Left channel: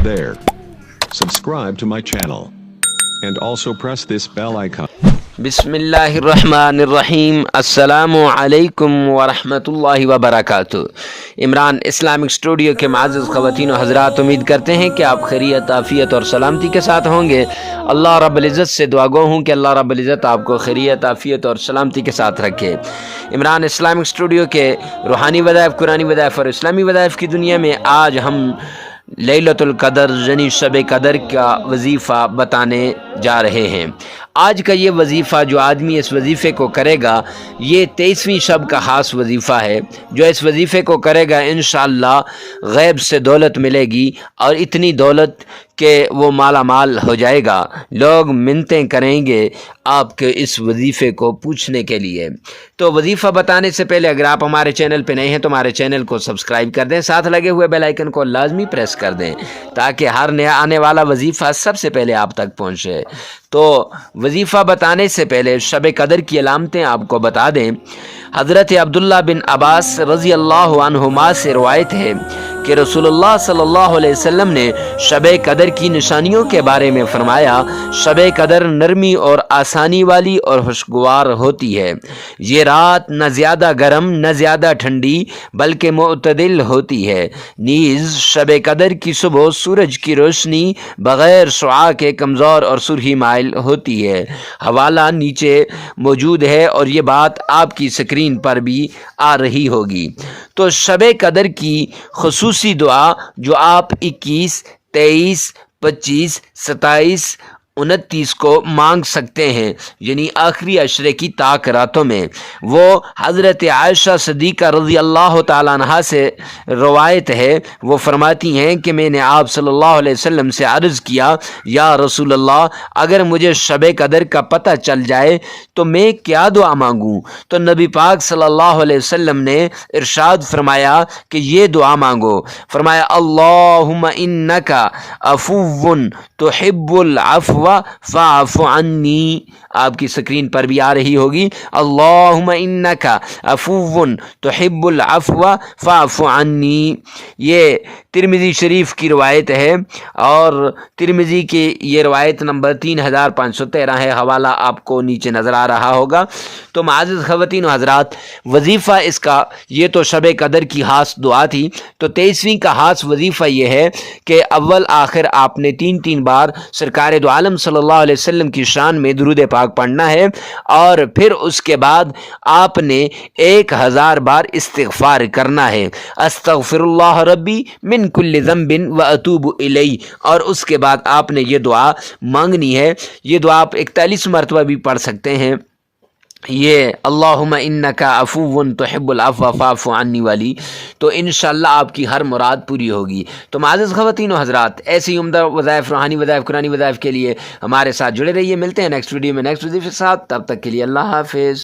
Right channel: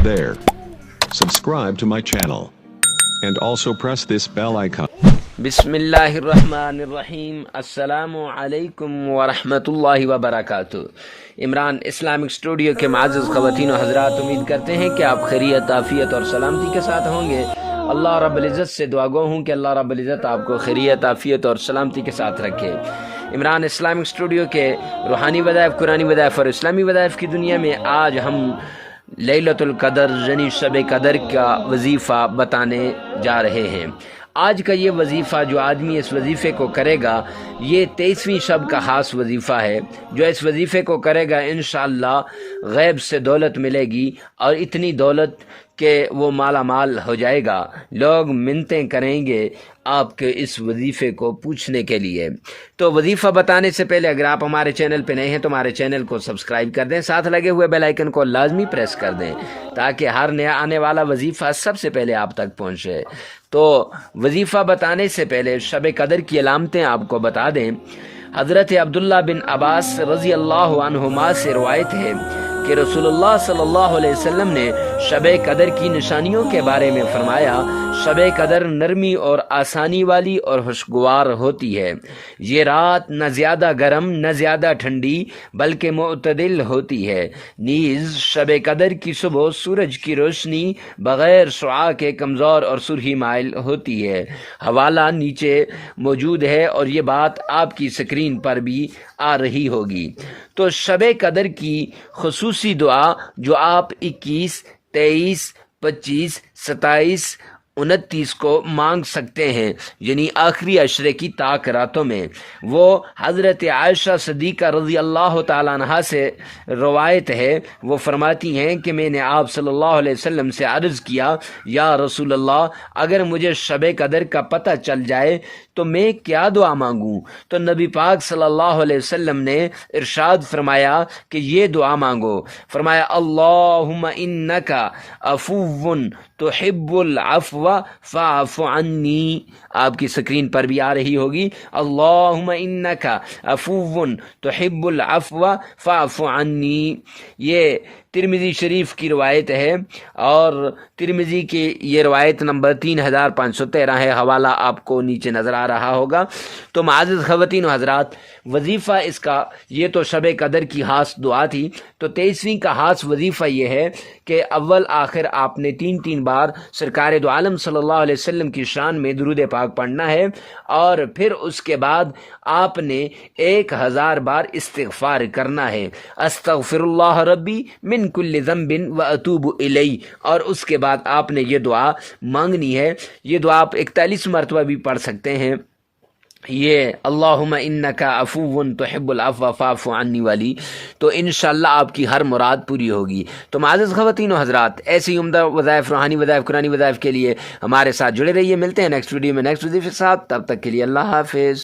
Hey there. Subscribe to my channel. And also press this bell icon. بسم اللہ الرحمن الرحیم. السلام علیکم ورحمۃ اللہ وبرکاتہ. عمران اسلامک اسٹوڈیو کے معزز خواتین و حضرات، امید کرتے ہیں کہ آپ خیریت، عافیت اور سلامتی کے ساتھ ہوں گے. اللہ رب العزت سے دعا گو ہوں کہ اللہ رب العزت آپ کو خیریت، عافیت اور سلامتی کے ساتھ رکھے. عمران اسلامک اسٹوڈیو کے روحانی وظائف، قرآنی وظائف اور اسلامی وظائف کی دنیا میں آج ہم لیلۃ القدر یعنی شب قدر کا وظیفہ بتانے جا رہے ہیں. آج کا یہ وظیفہ جو آدمی اس وظیفے کو کرے گا، یہ 23ویں شب کا خاص وظیفہ ہے. جو اس وظیفے کو کرے گا انشاءاللہ غیب سے دولت ملے گی، اور اتنی دولت کہ وہ مالا مال ہو جائے گا. لوگ منتیں کریں گے آپ کے اس وظیفے کو پوچھنے کے لیے. تو وظیفہ بتانے سے پہلے اگر آپ ہمارے چینل پہ نئے ہیں تو ہمارے چینل کو سبسکرائب کر دیں، ساتھ لگے ہوئے بیل آئیکن کو لازمی پریس کر دیں تاکہ ہر نیا آنے والا وظیفہ سب سے پہلے آپ تک پہنچے. تو وظیفہ بتانے سے پہلے شب قدر کی علامتیں آپ کو بتا دیں. حضرت عبداللہ بن عباس رضی اللہ عنہما سے روایت ہے کہ رسول اللہ صلی اللہ علیہ وسلم نے شب قدر کی نشانیوں کے بارے میں فرمایا: شب قدر نرمی اور آسانی والی اور خوشگوار ہوتی ہے. یہ رات نہ زیادہ گرم نہ زیادہ ٹھنڈی بلکہ معتدل ہوتی ہے. نیز شب قدر کی صبح سورج کی روشنی بغیر شعاع کے کمزور اور سرخی مائل ہوتی ہے. حوالہ نیچے موجود ہے اور یہ بات آپ کی اسکرین پر بھی آ رہی ہوگی. تو شب قدر کی خصوصی دعا جو آپ 21، 23، 25، 27، 29 کو مانگ سکتے ہیں، یعنی آخری عشرے کی طاق راتوں میں، وہ حضرت عائشہ صدیقہ رضی اللہ تعالیٰ عنہا سے روایت ہے. وہ فرماتی ہیں کہ میں نے آپ صلی اللہ علیہ وسلم سے عرض کیا: یا رسول اللہ، اگر مجھے شب قدر کا پتہ چل جائے تو میں کیا دعا مانگوں؟ تو نبی پاک صلی اللہ علیہ وسلم نے ارشاد فرمایا کہ یہ دعا مانگو. فرمایا: اللہم انکا عفو تحب العفو فاعف عنی. آپ کی سکرین پر بھی آ رہی ہوگی: اللہم انکا عفو تحب العفو فاعف عنی. یہ ترمذی شریف کی روایت ہے، اور ترمذی کی یہ روایت نمبر 3513 ہے. حوالہ آپ کو نیچے نظر آ رہا ہوگا. تو معزز خواتین و حضرات، وظیفہ اس کا یہ تو شب قدر کی خاص دعا تھی. تو 23ویں کا خاص وظیفہ یہ ہے کہ اول آخر آپ نے 3 بار سرکار دو عالم صلی اللہ علیہ وسلم کی شان میں درود پاک پڑھنا ہے، اور پھر اس کے بعد آپ نے 1000 بار استغفار کرنا ہے: استغفر اللہ ربی من کل ذنب واتوب الیہ. اور اس کے بعد آپ نے یہ دعا مانگنی ہے. یہ دعا آپ 41 مرتبہ بھی پڑھ سکتے ہیں، یہ اللہم انکا عفو تحب العفو فاعف عنی والی. تو انشاءاللہ آپ کی ہر مراد پوری ہوگی. تو معزز خواتین و حضرات، ایسی عمدہ وظائف، روحانی وظائف، قرآنی وظائف کے لیے ہمارے ساتھ جڑے رہیے. ملتے ہیں نیکسٹ ویڈیو میں نیکسٹ وظیفے کے ساتھ. تب تک کے لیے اللہ حافظ.